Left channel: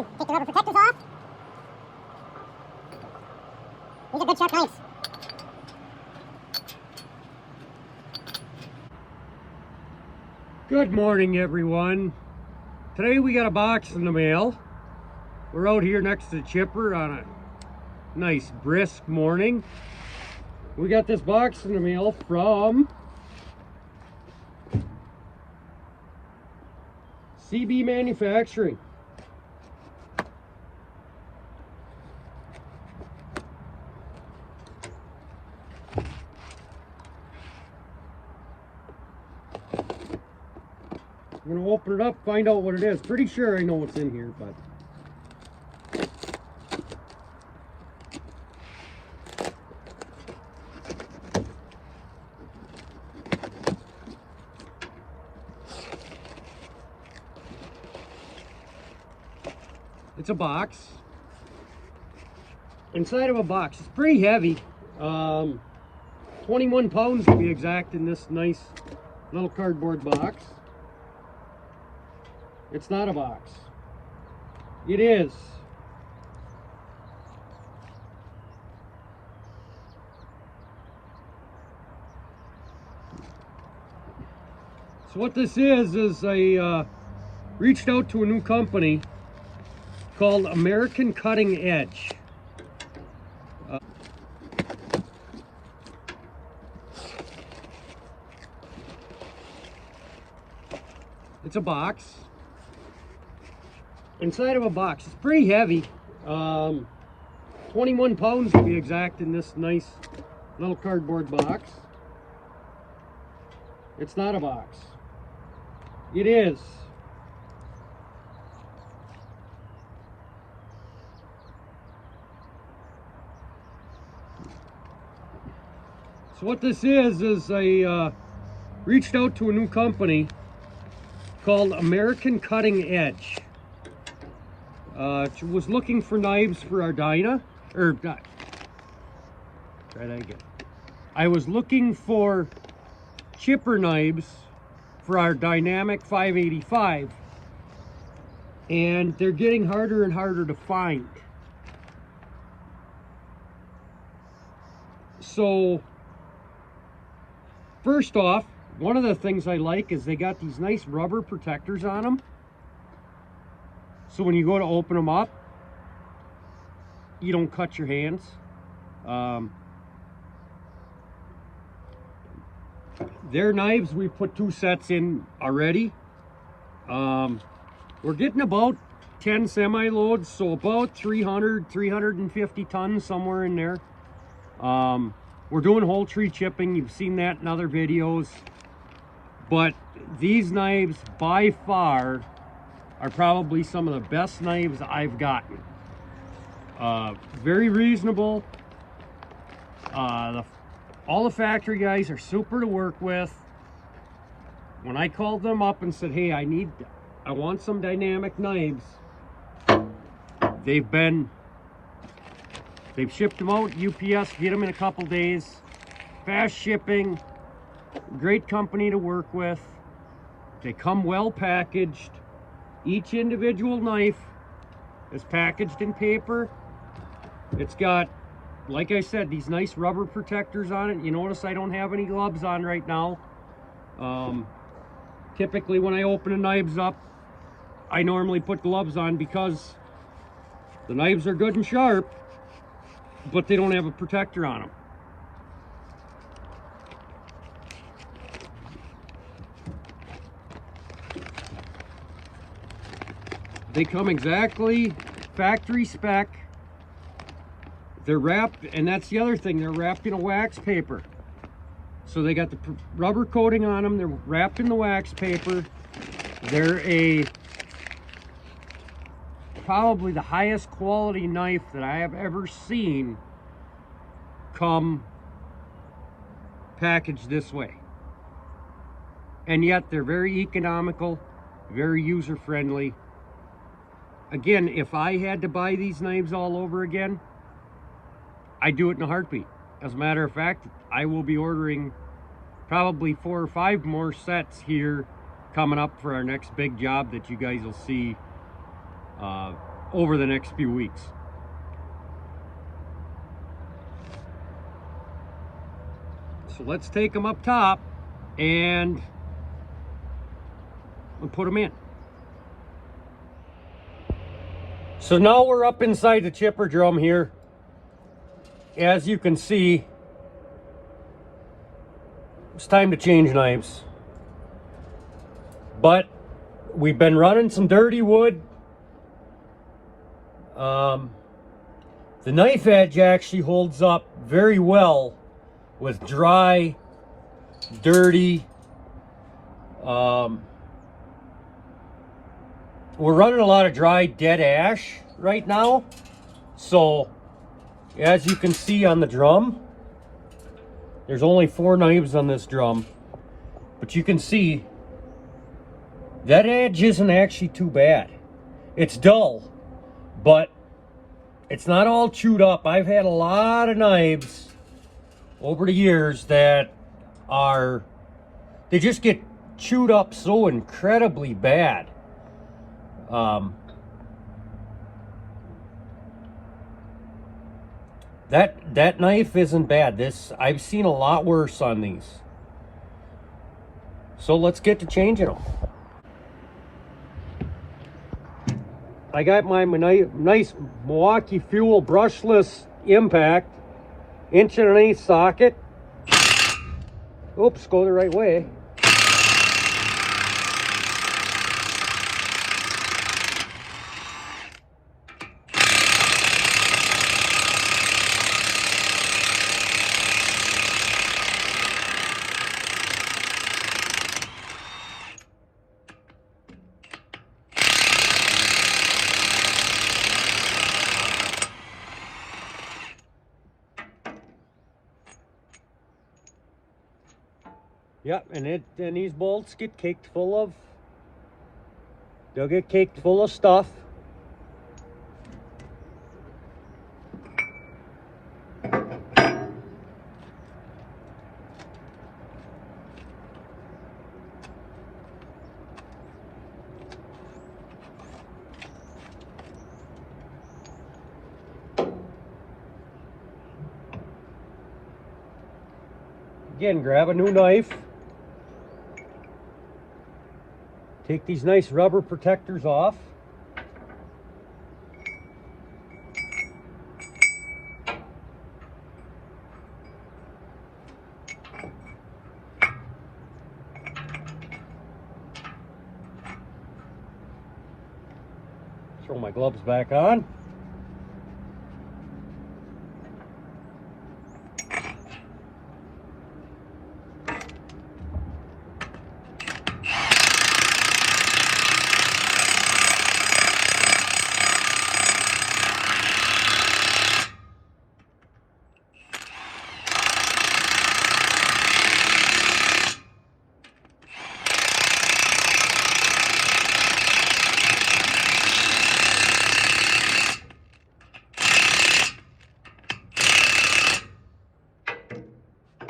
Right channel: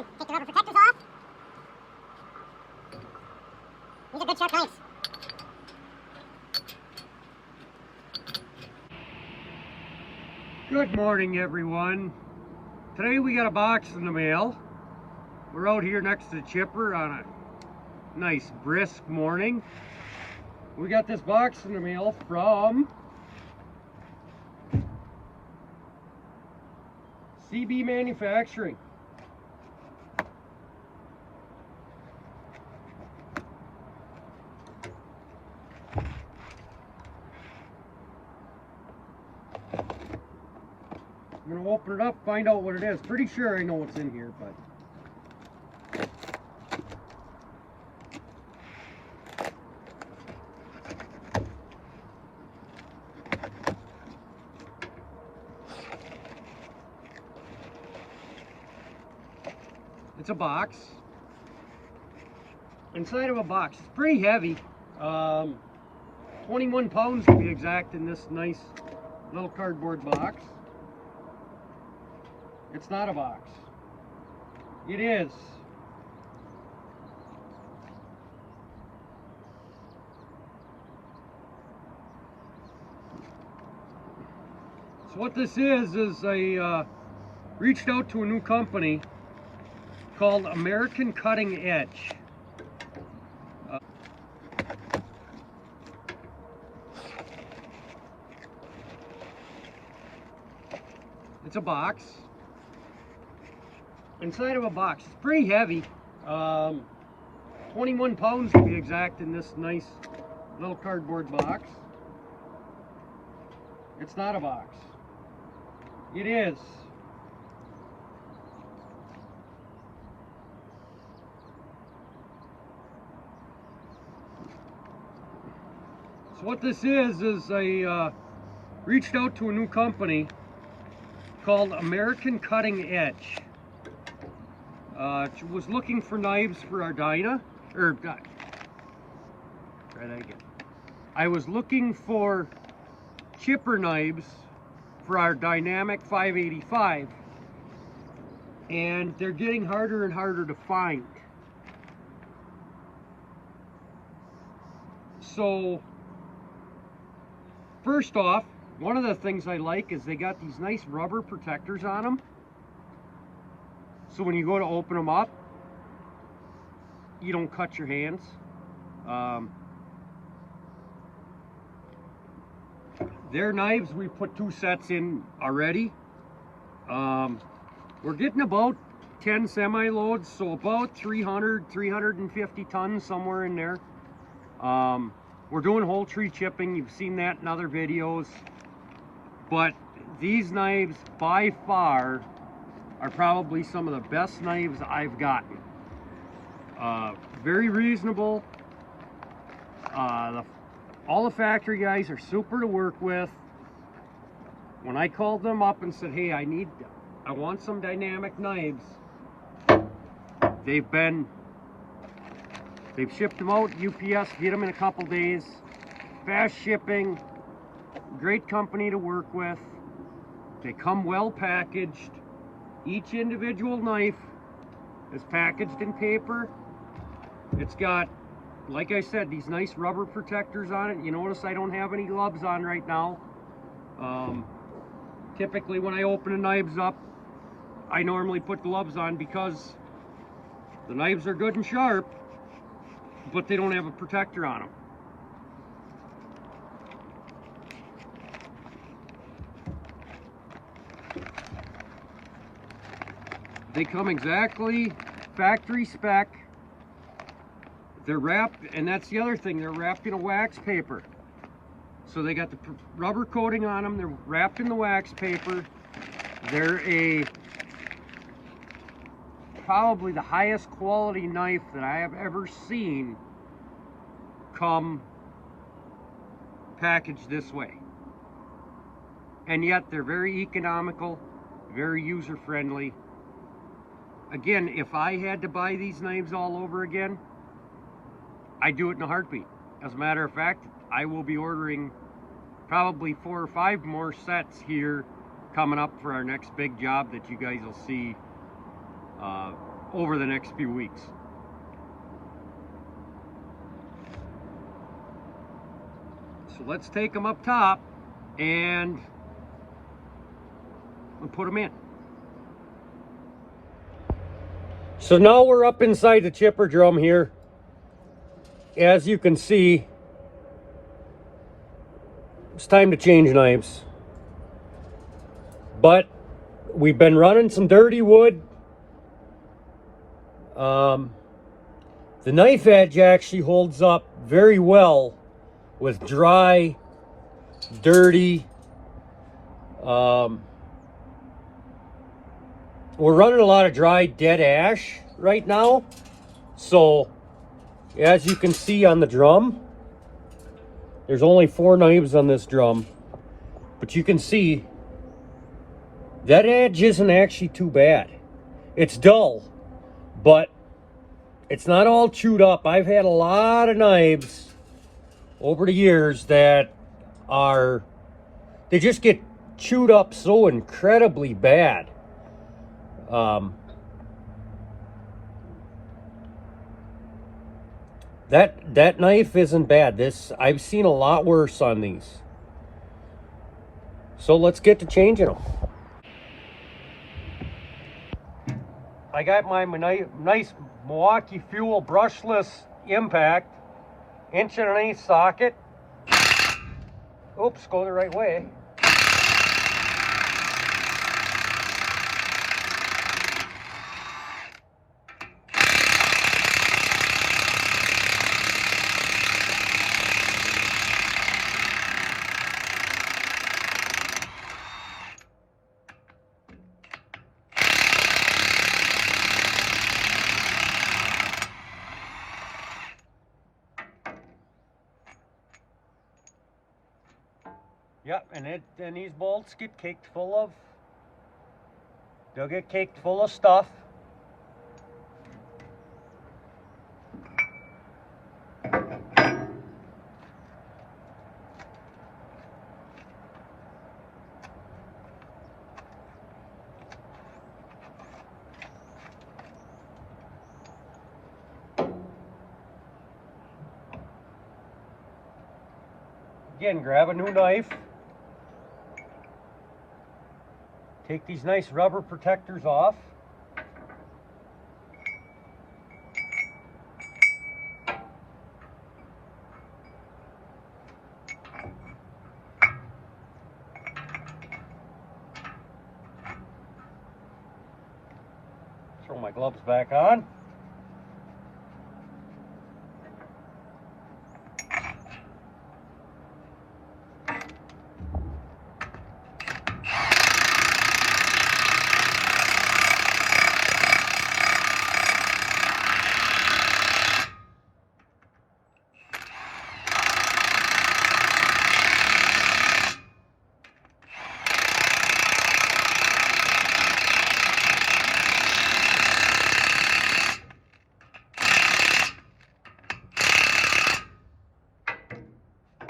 Again, take the rubber protectors off. These are good sharp knives. Good morning, everyone. Today we got a box in the mail. We're out here next to the chipper on a nice brisk morning. We got this box in the mail from CB Manufacturing. I'm gonna open it up, find out what it is. Pretty sure I know what's in here, but it's a box. Inside of a box, it's pretty heavy. 21 pounds to be exact in this nice little cardboard box. It's not a box. It is so what this is I reached out to a new company called American Cutting Edge. It's a box. Inside of a box, it's pretty heavy. 21 pounds to be exact in this nice little cardboard box. It's not a box. It is so what this is I reached out to a new company called American Cutting Edge. Was looking for knives for our Dyna, or not. Try that again. I was looking for chipper knives for our Dynamic 585, and they're getting harder and harder to find. So, first off, one of the things I like is they got these nice rubber protectors on them. So when you go to open them up, you don't cut your hands. Their knives, we put 2 sets in already. We're getting about 10 semi-loads, so about 350 tons, somewhere in there. We're doing whole tree chipping. You've seen that in other videos. But these knives, by far, are probably some of the best knives I've gotten. Very reasonable. All the factory guys are super to work with. When I called them up and said, hey, I want some dynamic knives, they've shipped them out. UPS, get them in a couple days. Fast shipping, great company to work with. They come well packaged. Each individual knife is packaged in paper. It's got, like I said, these nice rubber protectors on it. You notice I don't have any gloves on right now. Typically when I open the knives up, I normally put gloves on because the knives are good and sharp, but they don't have a protector on them. They come exactly factory spec. They're wrapped, and that's the other thing, they're wrapped in a wax paper. So they got the rubber coating on them, they're wrapped in the wax paper. They're probably the highest quality knife that I have ever seen come packaged this way. And yet they're very economical, very user-friendly. Again, if I had to buy these knives all over again, I'd do it in a heartbeat. As a matter of fact, I will be ordering probably 4 or 5 more sets here coming up for our next big job that you guys will see over the next few weeks. So let's take them up top and put them in. So now we're up inside the chipper drum here. As you can see, it's time to change knives. But we've been running some dirty wood. The knife edge actually holds up very well with dry, dirty. We're running a lot of dry dead ash right now. So as you can see on the drum, there's only 4 knives on this drum. But you can see that edge isn't actually too bad. It's dull, but it's not all chewed up. I've had a lot of knives over the years that they just get chewed up so incredibly bad. That knife isn't bad. I've seen a lot worse on these. So let's get to changing them. I got my nice Milwaukee Fuel brushless impact, 1.1" socket. Oops, go the right way. Yep, and these bolts get caked full of, they'll get caked full of stuff. Again, grab a new knife. Take these nice rubber protectors off. Throw my gloves back on.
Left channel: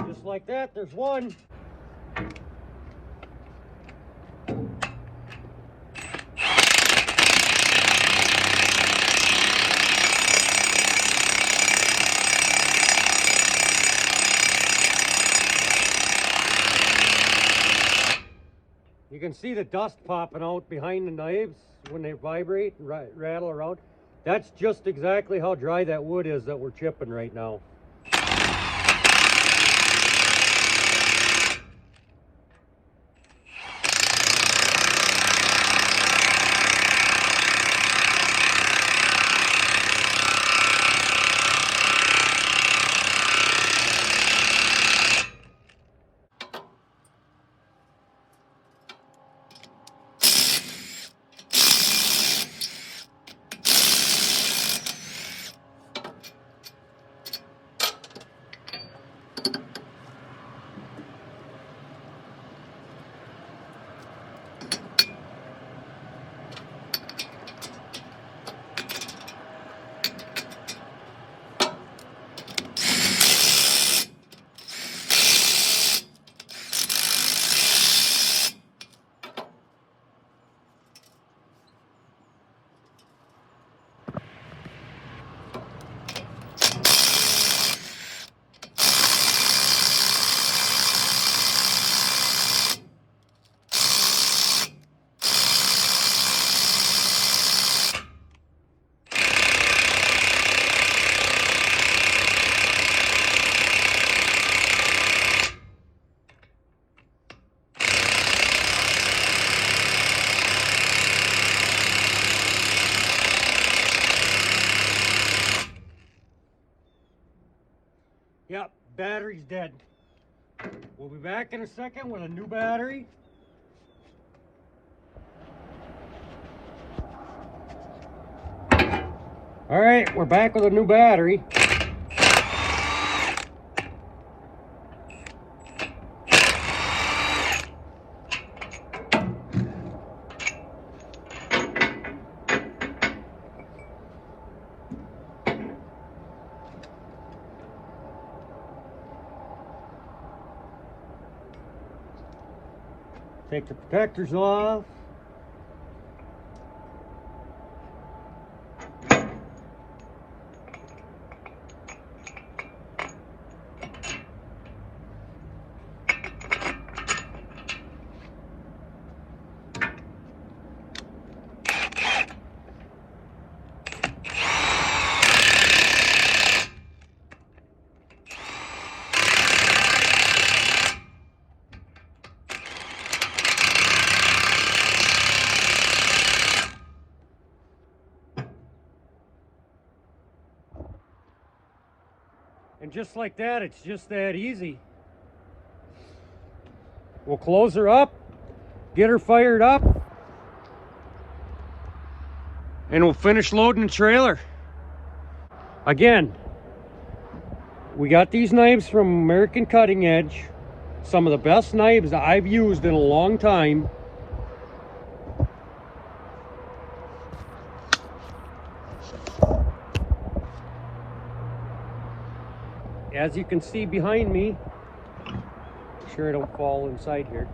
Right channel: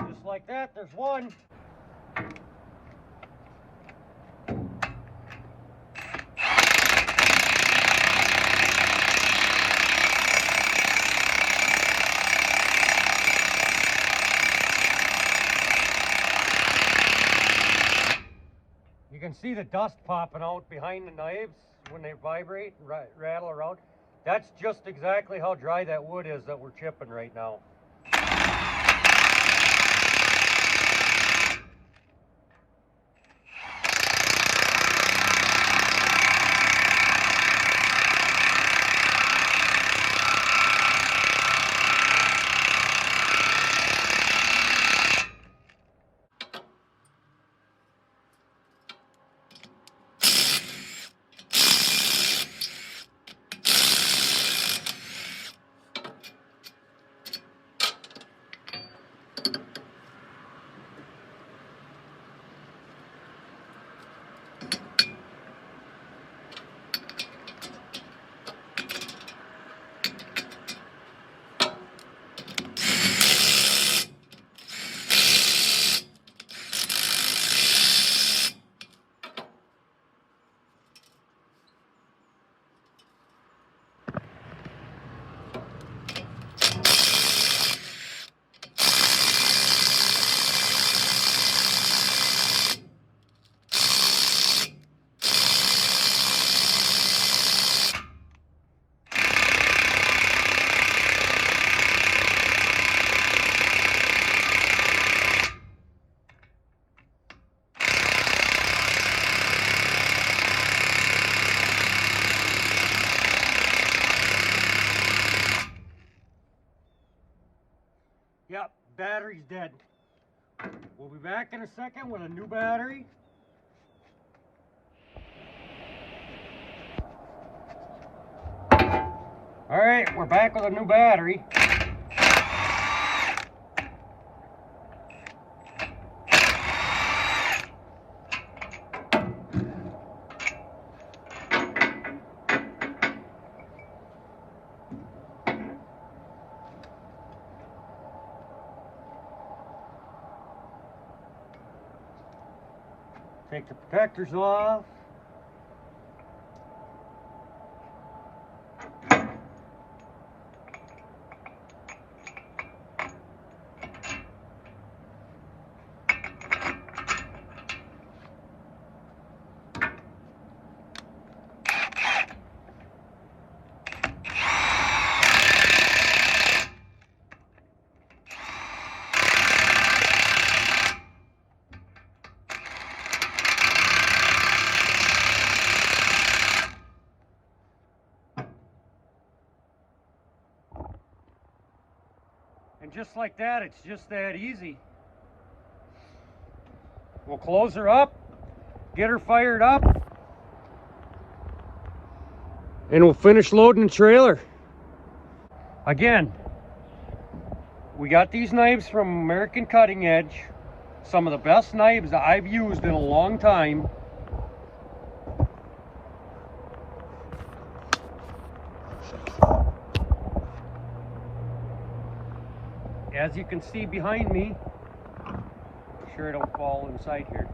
Just like that, there's one. You can see the dust popping out behind the knives when they vibrate and rattle around. That's just exactly how dry that wood is that we're chipping right now. battery's dead. We'll be back in a second with a new battery. All right, we're back with a new battery. Take the protectors off. And just like that, it's just that easy. We'll close her up, get her fired up, and we'll finish loading the trailer. Again, we got these knives from American Cutting Edge. Some of the best knives that I've used in a long time. As you can see behind me, make sure I don't fall inside here.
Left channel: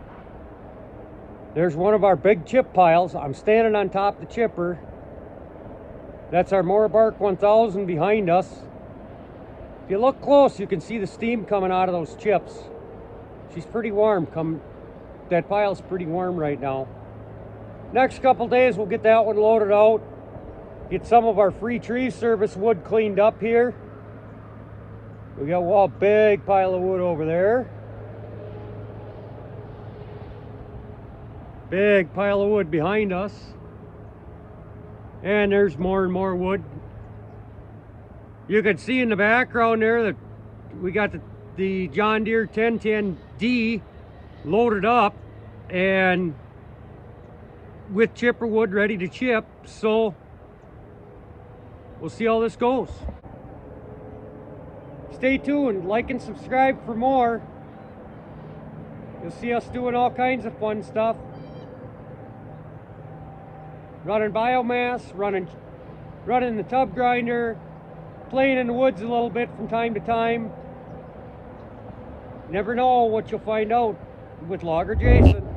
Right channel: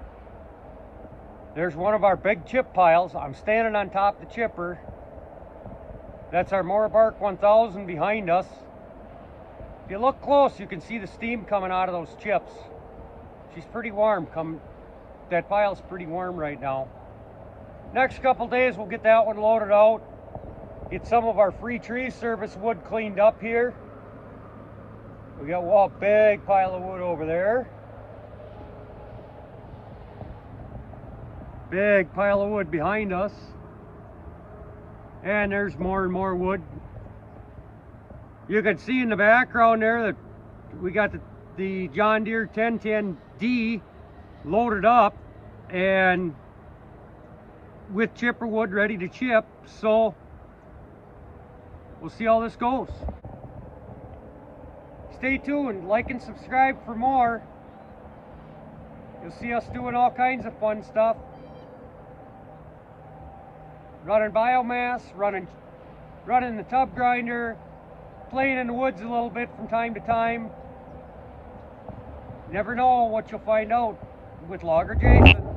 There's one of our big chip piles. I'm standing on top of the chipper. That's our Morbark 1000 behind us. If you look close, you can see the steam coming out of those chips. She's pretty warm. That pile's pretty warm right now. Next couple days, we'll get that one loaded out. Get some of our free tree service wood cleaned up here. We got a big pile of wood over there. Big pile of wood behind us. And there's more and more wood. You can see in the background there that we got the John Deere 1010D loaded up and with chipper wood ready to chip. So we'll see how this goes. Stay tuned, like and subscribe for more. You'll see us doing all kinds of fun stuff. Running biomass, running the tub grinder, playing in the woods a little bit from time to time. Never know what you'll find out with Logger Jason.